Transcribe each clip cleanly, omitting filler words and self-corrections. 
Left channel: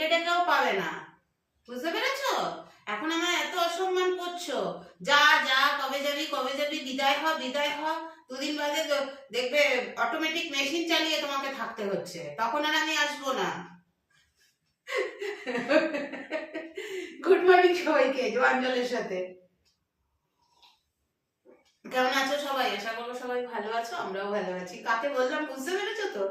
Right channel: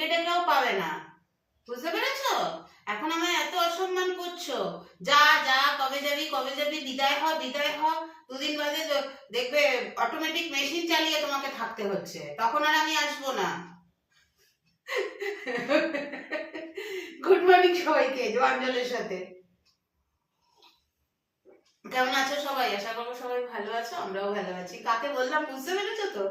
ডেকে ডেকেও পাবে না, বুঝতে পেরেছো? এখন আমায় এত অসম্মান করছো, যা যা কবে যাবি কবে যাবি, বিদায় হ বিদায় হ। দুদিন বাদে দেখবে অটোমেটিক মেশিন চালিয়ে তোমাকে থাকতে হচ্ছে, তখন আর আমি আসবো না। গুড মর্নিং সবাইকে জোয়াঞ্জলের সাথে। কেমন আছো সবাই? আশা করবো সবাই ভালো আছো, আমরাও ভালো আছি। কাকে বললাম বুঝতে পেরেছো তো?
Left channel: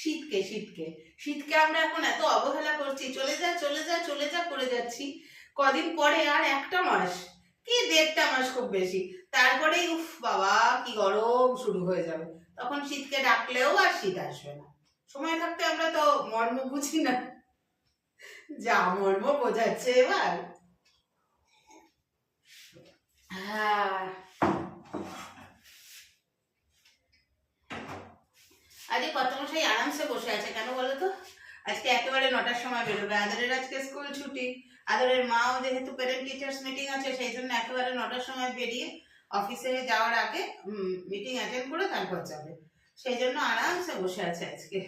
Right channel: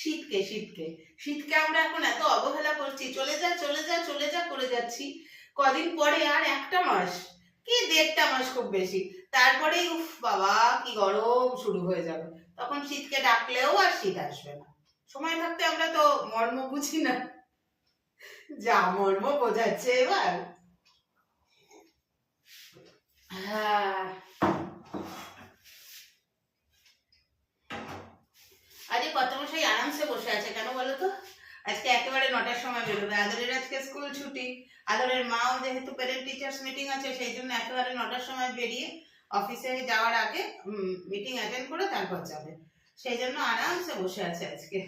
শীতকে শীতকে শীতকে আমরা এখন এত অবহেলা করছি, চলে যা চলে যা চলে যা করে যাচ্ছি। কদিন পরে আর একটা মাস কি 1.5 মাস খুব বেশি, তারপরেই উফ বাবা কি গরম শুরু হয়ে যাবে। তখন শীতকে ডাকলেও আর শীত আসবে না। সময় থাকতে আমরা তো মর্ম বুঝি না, যা মর্ম বোঝাচ্ছে এবার। হ্যাঁ, আরে কত মশাই আরামসে বসে আছে কেন বলো তো? আজকে একেবারে 9টার সময় বেরোবে। আদরের আজকে স্কুল ছুটি, আদরের মাও যেহেতু প্যারেন্ট টিচার্স মিটিং আছে সেই জন্য একেবারে 9টার সময় বেরিয়ে অফিসে যাওয়ার আগে মিটিং অ্যাটেন্ড করে তারপর যাবে, সেই জন্য আরামসে বসে আছে আজকে।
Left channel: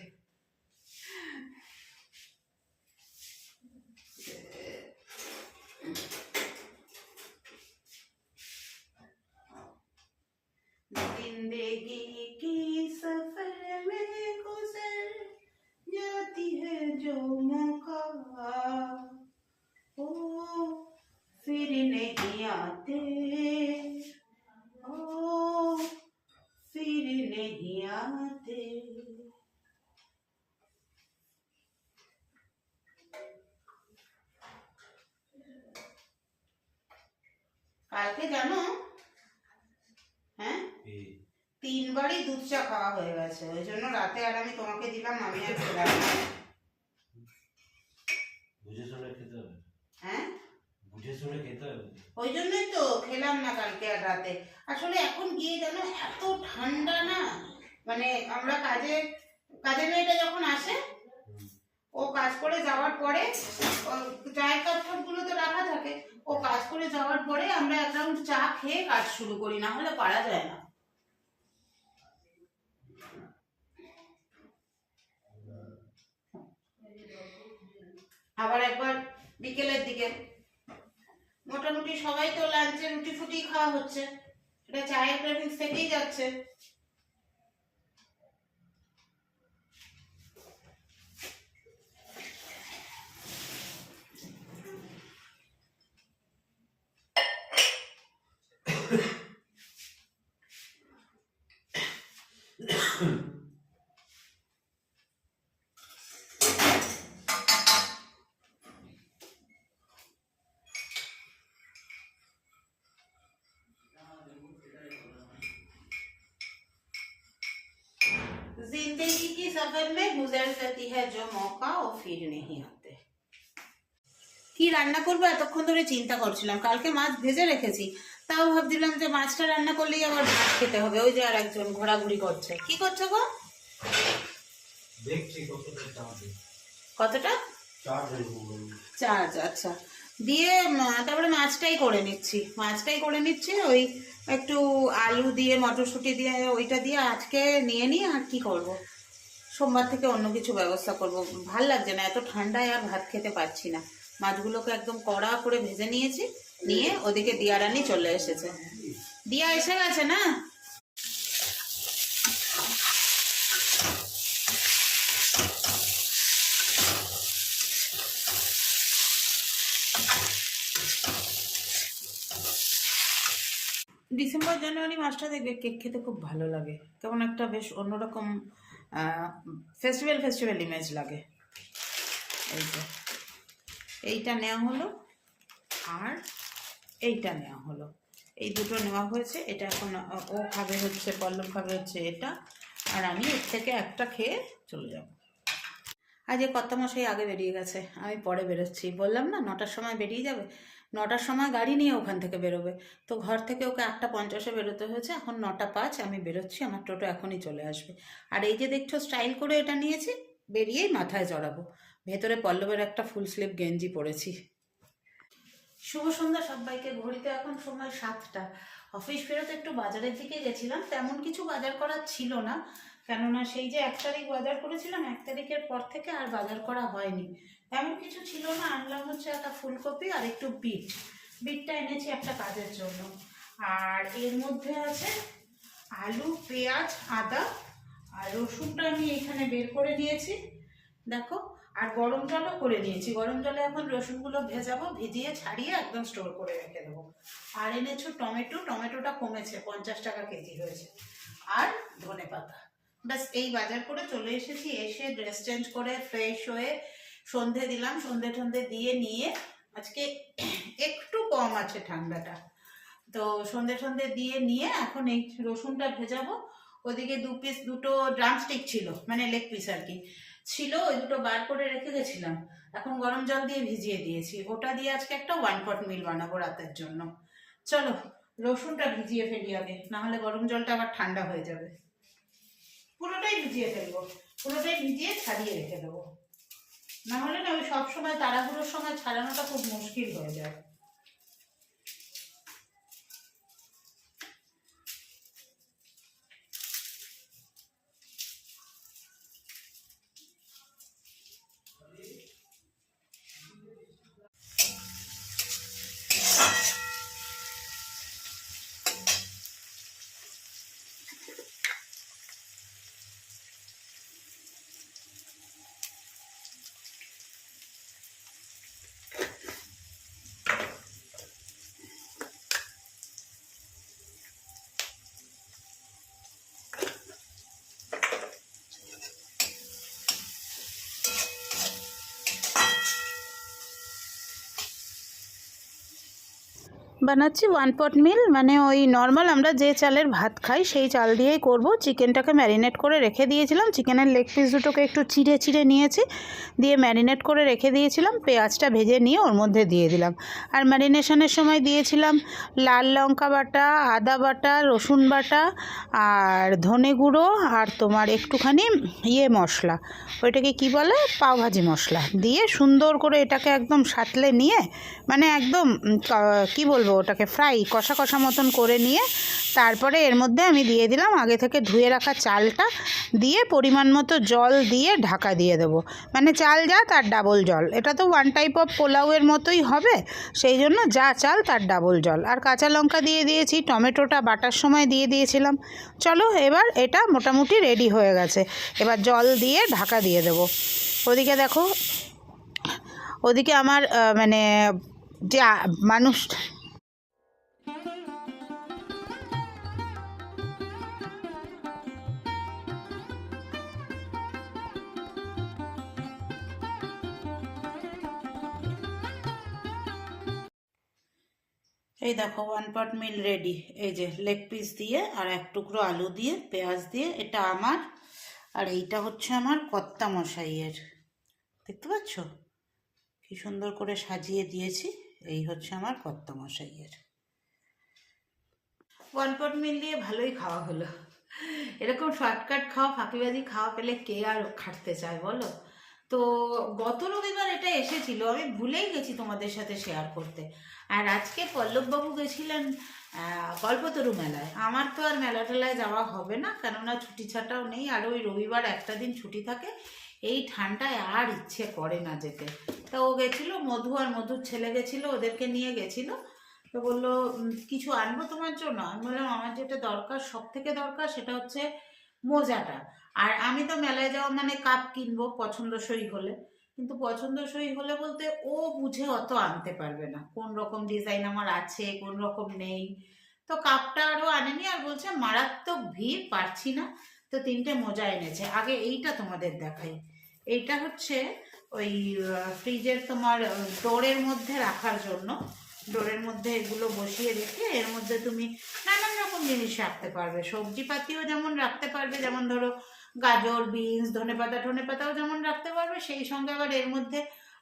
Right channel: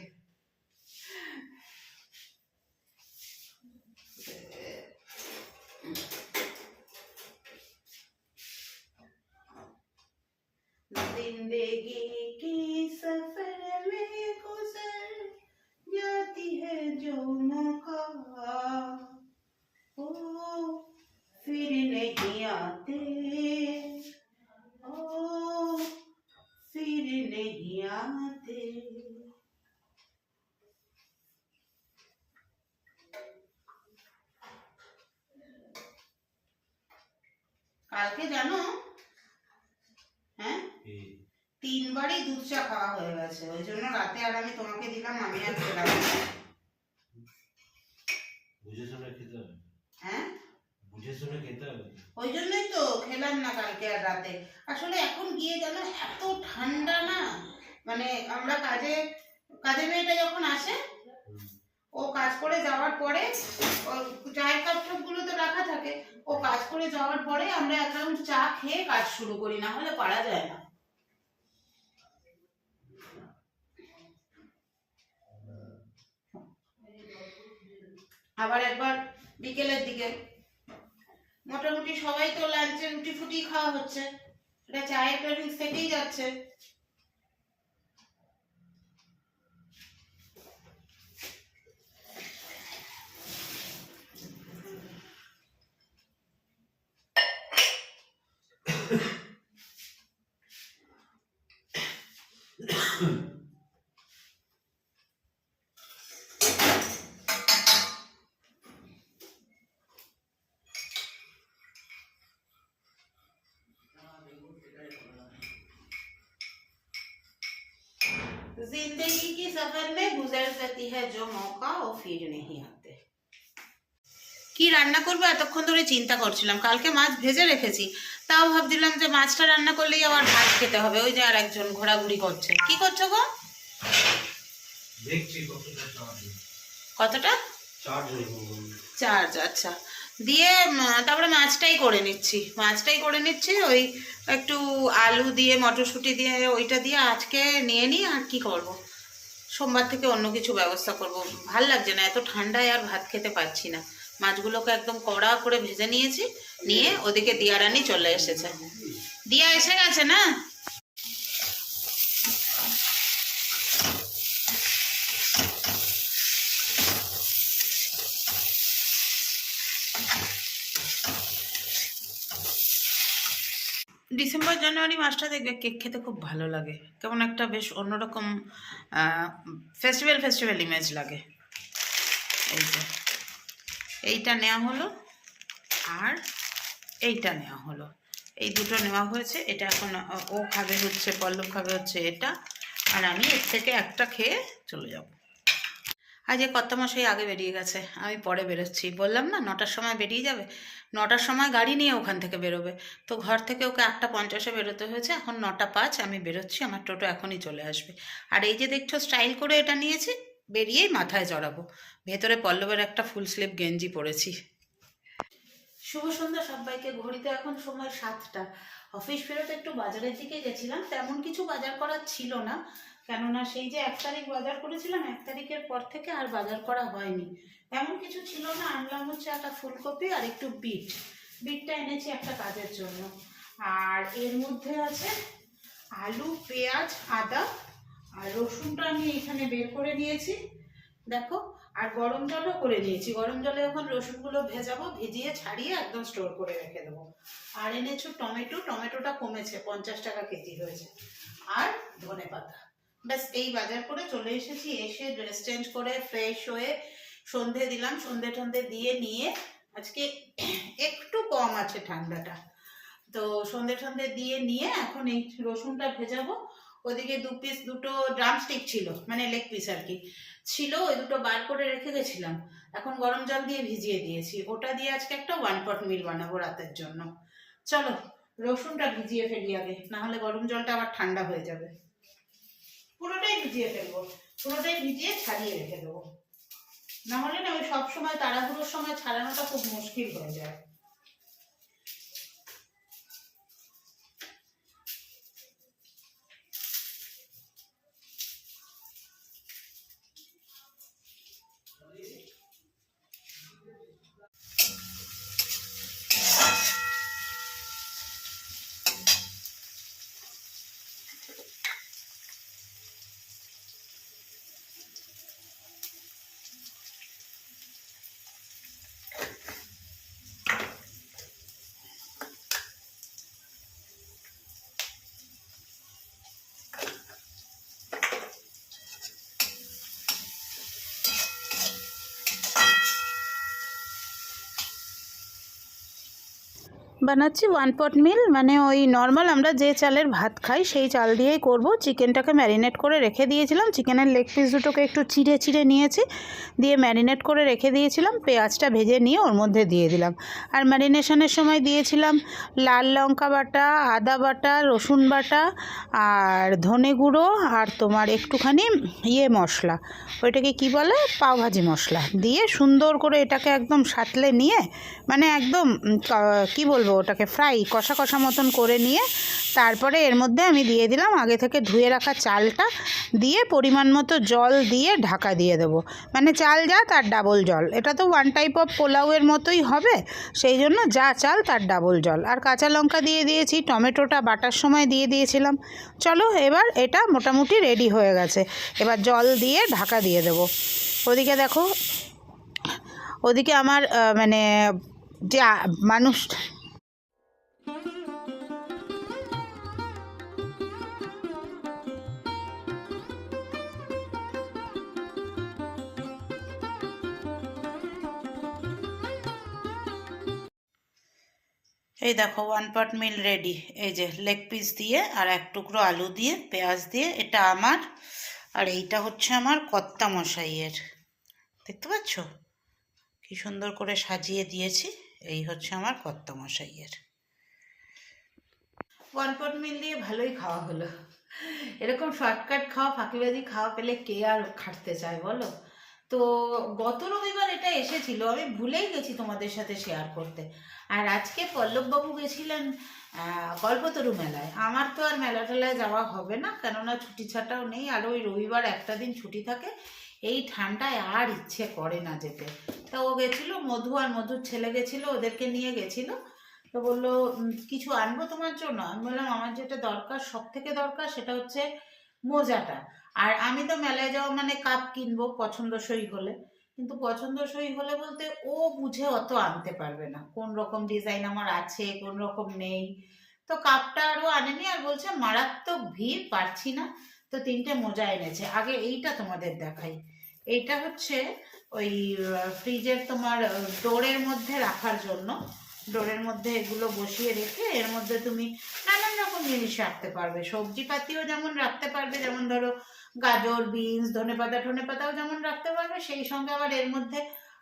जिंदगी की सफर में गुजर जाती है जो मौका ओ फिर नहीं आते, ओ फिर नहीं आते। কালকে জানো, হ্যাঁ 3বারই দুধ চা খাওয়া হয়ে গেছে, ওই জন্য রাতে আর আমি তোমাকে দিলাম, আমি আর খেলাম না। বুঝে শুনে খেতে হবে, হ্যাঁ বুঝে শুনে খেতে হবে, ওই জন্যই তো খেলাম না কালকে আর রাতে। আসলে এখন গিয়ে জানো এত ঠান্ডা না, মানে আমরা কাজের মেয়েটা যখন আসে, ও কাজ করে যাওয়ার পরে চায়ের কাপ টাপগুলো তো রাখা থাকে, ও কাজ করে যাওয়ার পরে আমরা এক রাউন্ড চা খেয়ে কাজ শুরু করি, না হলে পারা যায় না। আবার একবার বিকেলের দিকে মোটামুটি সবাই তো লাঞ্চে রুটি ফুটি খাওয়া হচ্ছে, এটা চায়ের ক্রেভিংস থেকেই যাচ্ছে। जिंदगी की सफर में गुजर जाती है जो मौका वो फिर नहीं आते। কি রান্না করবো এতক্ষণ ধরে চিন্তা করছিলাম, কালকে মাছ ভেজে রেখেছি, তাও ভাবছিলাম যে মাছটা রান্না করলেই আবার ভাত খেতে হবে। ওই যে আর একজন ঘোরাঘুরি করছে, কি করছো গো? দেখছি কতটা চার্জ, কতটা চার্জ? আচ্ছা, দিয়ে তারপরে মাছটাই করে নিচ্ছি ওই একটু আলু দিয়ে মটরশুঁটি দিয়ে ওইটা দিয়ে আজকে নিয়ে নিই। আর কি করব, সোমবার থেকে অন্য কিছু ব্যবস্থা করব। ভাল লাগছে না, এত ঠান্ডায় আর ভাত খেতে পারছি না। মাছগুলোকে একদম কড়া করে ভেজে নিয়েছি, নিয়ে ওদিকে দিয়া রানী চলে এসেছে। দিয়া এসে গেছে না? ডিসেম্বর জানুয়ারি মাসটা দেখবে কেক খেতে খুব ভালো লাগে, কেমন একটা বেশ অন্যরকম ফেস্টিভ্যাল ইমেজ লাগে। এই যে এইটা নেওয়া হলো আর এইটা নেওয়া হলো, এই দুটো নেওয়া হয়েছে। এটা এখন ও খাবে হচ্ছে, পল্লব খাবে হচ্ছে এটা, আর আমি এর থেকে একটা খেয়ে চলে যাব। আজ কর্তামশাই আগে বেরিয়ে গেছে, আমি পরে বেরোচ্ছি। বললাম না 9টার সময় বেরিয়ে যাবে, 9টার সময় গাড়ি নিয়ে ওখান থেকে বেরোবে, তো ঘর থেকে ওকে 8:50-এ বেরোতে হয়েছে। এখন 9:05, আমি বেরোচ্ছি, আমার টোটো এখনই চলে আসবে। আর এই যে দেখছো স্টাইল করে এটা নিয়েছি, বেরিয়েই মাথায় চড়াবো। ভেতরে পল্লবের একটা ফুল স্লিভ গেঞ্জি পরেছি। শুভ সন্ধ্যা সবাইকে। ঘড়িতে এখন সময় 7টা। অফিস ফেরত একটু বাজারের দিকে গেছিলাম, তেমন কিছু বাজার করার ছিল না, কেননা সেই যে 1 তারিখ বাজার করেছিলাম, 1 তারিখের পর থেকে আর বাজার করা হয়নি। তেমন কিছু ছিল না, আনলাম হচ্ছে একটা ফুলকপি আর একটু বিটটা এনেছি একটা কাজের জন্য। আর এর মধ্যে আছে আলু, পেঁয়াজ, আদা আর রসুনটা আমি এখানে বের করে নিয়েছি দেখো। আর গরম জলও করে নিয়েছি, গরম জলে এখন রসুনগুলো ভেজাবো, ভিজিয়ে ছাড়িয়ে একদম স্টোর করে রেখে দেবো। আর এনেছো টমেটোটা কমেছে, 50 টাকা কেজি হয়েছে। আর ধনেপাতা। ব্যাস এই বাজার করে চলে এসেছি। এসে ড্রেস চেঞ্জ করে ফ্রেশ হয়ে সন্ধে দিলাম, সন্ধে দিয়ে নিয়ে আজকে একটু কম আছে ঠান্ডাটা, তো সন্ধে দিয়ে নিয়ে এখন এই রসুনটা ভেজাবো। ওদিকে দুটো ড্রামস্টিক ছিল, মানে লেগ পিস আর কি ছিল, ওই দুটো বার করে রেখে গেছিলাম, এখন গরম জল দিয়ে ভিজিয়ে দিয়েছি। ওটা দিয়ে আজকে একটা 1 পট মিল বানাবো রাতের জন্য। চলো রসুনটা ভিজিয়ে ফেলি আগে, না হলে গরম জলটা আবার ঠান্ডা হয়ে যাবে। পুরোটাই ভিজিয়ে ফেলবো, পুরোটাই ভিজিয়ে ছাড়িয়ে রেখে দেবো, না হলে না ওই সবসময় তাড়াহুড়োর সময় ছাড়ানোটা খুব মুশকিল হয়ে যায়। বানাচ্ছি 1 পট মিল, মানে ওই নর্মাল আমরা যে চালের ভাত খাই সেই চাল দিয়েই করব। চিকেনটাকে ম্যারিনেট করে রেখে দিয়েছিলাম, চিকেনের লেগ পিস দুটোকে একটু চিড়ে নিয়েছি, দিয়ে ম্যারিনেট করে রেখে দিয়েছিলাম। পেঁয়াজটা ভেজে নিয়ে ওর মধ্যে দিয়ে দিলাম। আর ম্যারিনেশনের সময় দিয়েছিলাম লাল লঙ্কা বাটা, আদা বাটা, রসুন বাটা আর ধনে গুঁড়ো আর তোমার একটুখানি মশলা, ওইটাকে কি বলে, পাওভাজি মশলা দিয়ে সুন্দর করে এটাকে একদম সাঁতলে নিয়ে, মানে একদম কি বলবো ওটাকে ফ্রাই কষা মতন করে নিয়ে তারপরে এর মধ্যে আমি দিয়ে দিলাম আগে থেকে ধুয়ে রাখা চালটা, দিয়ে পরিমাণ মতো জল দিয়ে ঢাকা দিয়ে দেবো। মানে চাল যা তার ডাবল জল, এটা তো 1 টাইপ অফ পোলাওয়ের মতোই হবে, সেই জন্য যা চাল তার ডাবল জল। আর কাঁচা লঙ্কা দিয়ে দিয়েছি, টমেটোটা বাটার সময় দিয়ে দিয়েছিলাম। চলো এবার এটা মোটামুটি রেডি হয়ে গেছে, এবার জল দিয়ে ঢাকা দিয়ে দেবো। ওদিকে দেখো, ওদিকে আমার মানে যে মানুষ এই দেখো 1 পট মিল রেডি। এই যে লেগ পিস দিয়ে আর এক টুকরো আলু দিয়ে পেঁয়াজ দিয়ে, এটা আমার। আর এইটা হচ্ছে আমার কর্তা মশাইয়ের, দেখতে পাচ্ছ কি সুন্দর করে সাজিয়ে দিয়েছি। এই হচ্ছে আমার কর্তা মশাইয়ের। 1 পট মিল দিয়ে ভালোই খাওয়া হলো। এরকম শর্টকাট খাওয়া, ফাঁকিবাজি খাওয়া পেলে কে আর খাটতে চায় বলো। তো গত রবিবার এটা এসেছিল, আমি ভুলেই গেছি তোমাদের সাথে শেয়ার করতে। আর আজকে পল্লববাবু গেছিলেন কল্পতরু মেলায়। আমার তো আর মেলা টেলায় যাওয়া হবে না, কেননা ছুটি ছাটাও নেই, আর ওই রবিবার একটা দিন ছুটি থাকে, এই ঠান্ডায় আর ইচ্ছে করে না যেতে। তা ও গেছিলো, মধু আর মধুর ছেলে গেছিলো, ওদেরকে নিয়ে গেছিলো। তো বললো কিছু আনবো তোমার জন্য। আমি বললাম আমার যেটা দরকার, সব থেকে দরকার সেটা হচ্ছে মোজাটা। আর আমি তো মেলায় যাওয়া মানে কাপ কিনবো পছন্দসই হলে, কিন্তু পছন্দসই হলে বলতে ও বুঝে অত আনতে পারবে না, কোন রকম ডিজাইন আমার আছে কোন রকম নেই। তো কাপটা আরও আনেনি, আর বলছে মারাত্মক ভিড়, পারছি না। তো 3টে মোজা এনেছে। আগে এইটা তোমাদের দেখাই। এইটা হচ্ছে ওই ফ্রিজের তোমার ডোরের মধ্যে রাখার জন্য, ডোরের মধ্যে এগুলো বসিয়ে রেখে এর মধ্যে তুমি নানান রকম জিনিস রাখতে পারবে, সবজিপাতিও যেমন রাখতে পারবে, যেমন ধরো গাজর, বিনস, ধনেপাতাও যেমন রাখতে পারবে, সেই সঙ্গে আবার এর মধ্যে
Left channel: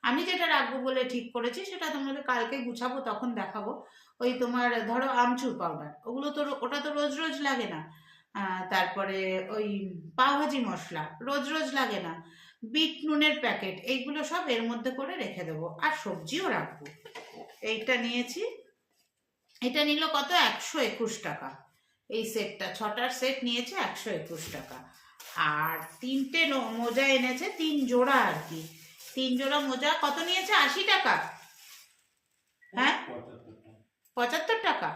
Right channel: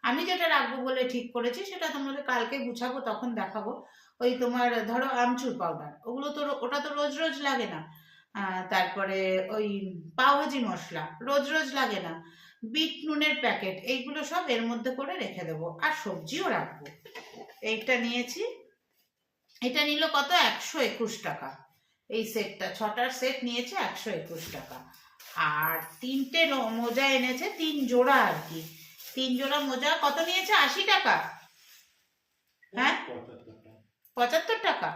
আমি যেটা রাখবো বলে ঠিক করেছি সেটা তোমাদের কালকে গুছাবো তখন দেখাবো। ওই তোমার ধরো আমচুর পাউডার, ওগুলো তো ওটা তো রোজ রোজ লাগে না। তারপরে ওই পাওভাজি মশলা রোজ লাগে না, বিট নুনের প্যাকেট, এইগুলো সব এর মধ্যে করে রেখে দেবো। আর সবজিও রাখবো। এইটা নিয়েছি, এটা নিল কত, 121 টাকা। এই সেটটা 6টার সেট নিয়েছে 121 টাকা। আর 3টে মোজা এনেছে, 3 জোড়া আর কি। 3 জোড়া মোজা কত নিয়েছে? 80 টাকা। হ্যাঁ, 75 টাকা।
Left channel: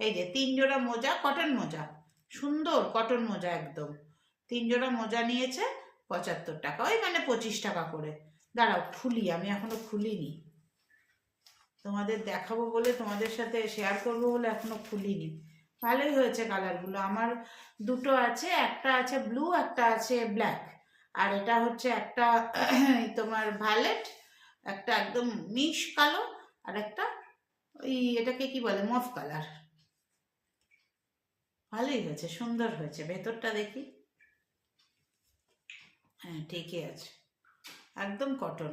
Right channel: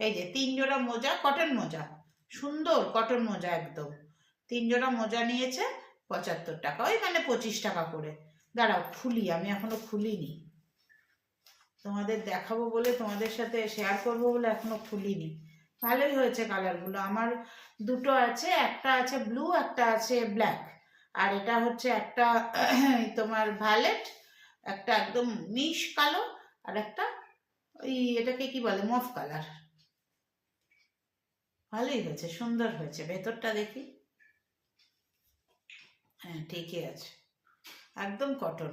এই যে 3 জোড়া মোজা, কটন মোজা, সুন্দর কটন মোজা একদম। 3 জোড়া মোজা নিয়েছে 75 টাকা, ওই মানে 25 টাকা করে। দাঁড়াও খুলি, আমি এখনো খুলিনি, তোমাদের দেখাবো বলে, তোমাদের সাথে শেয়ার করবো বলে এখনো খুলিনি। ভালোই হয়েছে কালারগুলো। আমার দুটো আছে, একটা আছে ব্লু, একটা আছে ব্ল্যাক, আর এটা হচ্ছে একটা তোমার ভায়োলেট, একটা একদম মিশ কালো, আর একটা ওই এটাকে কি বলে, মফ কালার। ভালোই হয়েছে, সুন্দর হয়েছে। ভেতরটা দেখি, হ্যাঁ ঠিকই আছে, একদম কটন।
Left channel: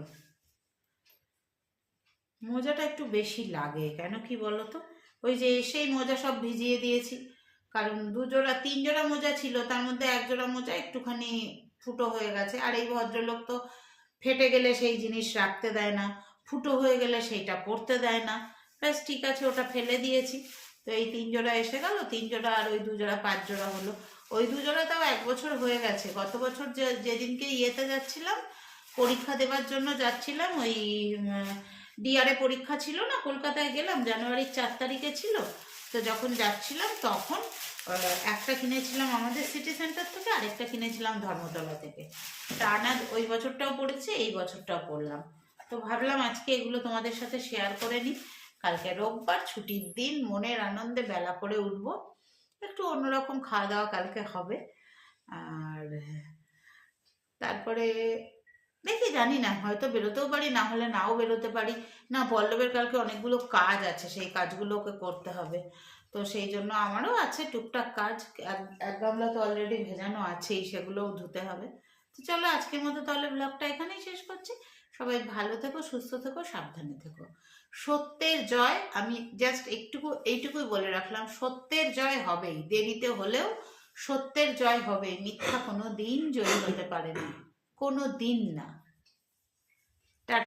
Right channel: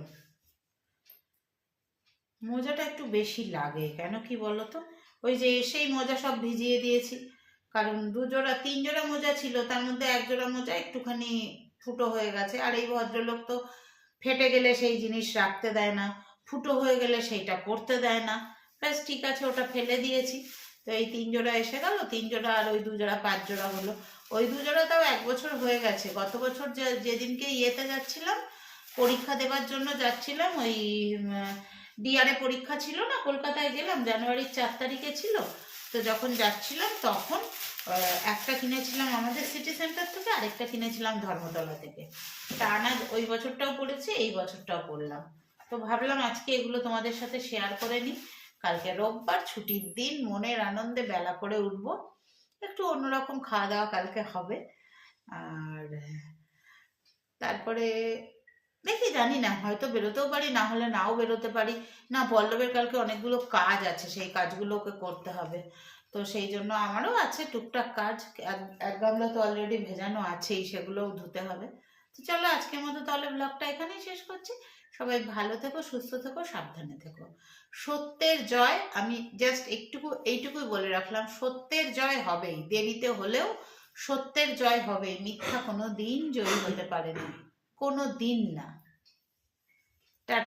মোজাটা একটু বেশি লাগে কেন কি বলো তো, ওই যে এসেই মোজা সব ভিজিয়ে দিয়েছি, কারণ 2 জোড়া 3 জোড়া মোজা ছিল, তার মধ্যে 1 জোড়া মোজা একটুখানি ফুটো হয়ে গেছে। আর এই ভদ্রলোক তো ফেটে গেলে সেই জিনিস রাখতে দেয় না, ফুটো হয়ে গেলে সেইটা পরতে দেয় না। ব্যাস ঠিক আছে, ওটা ফেলে দিয়েছি। তো এই 3 জোড়া এসে গেল, 3 জোড়া আর ওই 2 জোড়া 5 জোড়া হলো। ওই 2 জোড়া তাও 1 বছর হয়ে গেছে। গত বছর যেদিনকে ইয়েতে যাচ্ছিলাম, পরীক্ষা দেবার জন্য যাচ্ছিলাম, ওই ডিআরএ পরীক্ষা ছিল না, কলকাতায় গেলাম, জানুয়ারির 4 তারিখে ছিল। তো যখন যাচ্ছিলাম তখন একটা কিনেছিলাম আমাদের সিটি সেন্টার থেকে, আরেকটা কিনেছিলাম ধর্মতলা থেকে। টানা ওই বছরটাও পড়েছি, এই বছরটাও পড়লাম। তো ভাবলাম আজকে এগুলো তোমাদের সাথে শেয়ার করে নিই। কালকে রোববার, ছুটির দিন, মনের আনন্দে বেলা করে উঠবো, একটু অন্যরকম খাওয়া দাওয়া কালকে হবে। আর তারপরে দেখি, জানি না, হয়তো বেরোতেও পারি, না হলে নাও বেরোতে পারি। না, পল্লবের কালকে অনেকগুলো কাজ আছে, সেই কাজগুলো ওকে করতে হবে। তো সেই জন্য আমারও আছে টুকটাক কাজ। এক গামলা তো অলরেডি ভেজানো আছেই, সেগুলোও ধুতে হবে। তো চলো আজকের মতো তাহলে ব্লগটা এখানেই শেষ করছি। সবাই ভালো থেকো, সুস্থ থেকো, সাবধানে থেকো। সত্যের জয়, আমি জাস্ট এইটুকুই বলে রাখলাম, সত্যের জয় হবেই, দেরিতে হলেও সত্যের জয় হবেই। মিথ্যা কোনো দিন জয়ী হতে পারে না, কোনো দিন না।